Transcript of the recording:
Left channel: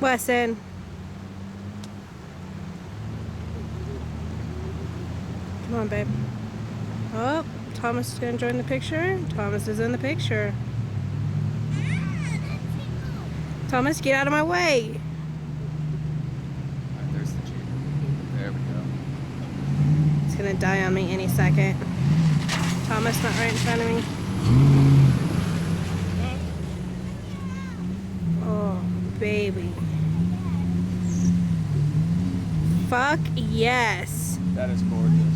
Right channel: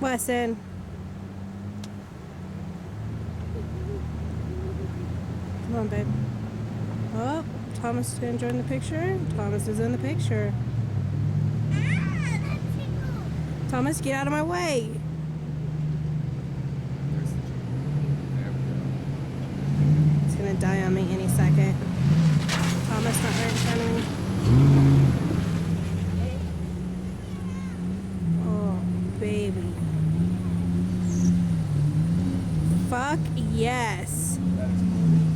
Wesson. Come on, babe. Oh, Thomas is going to join the picture. Thomas is in the picture. Thomas, get out of my way. There's the Jeep. There we go. It's going to die on me any second. Thomas, not right in front of me. Oh, baby. Fuck yes. That is gorgeous.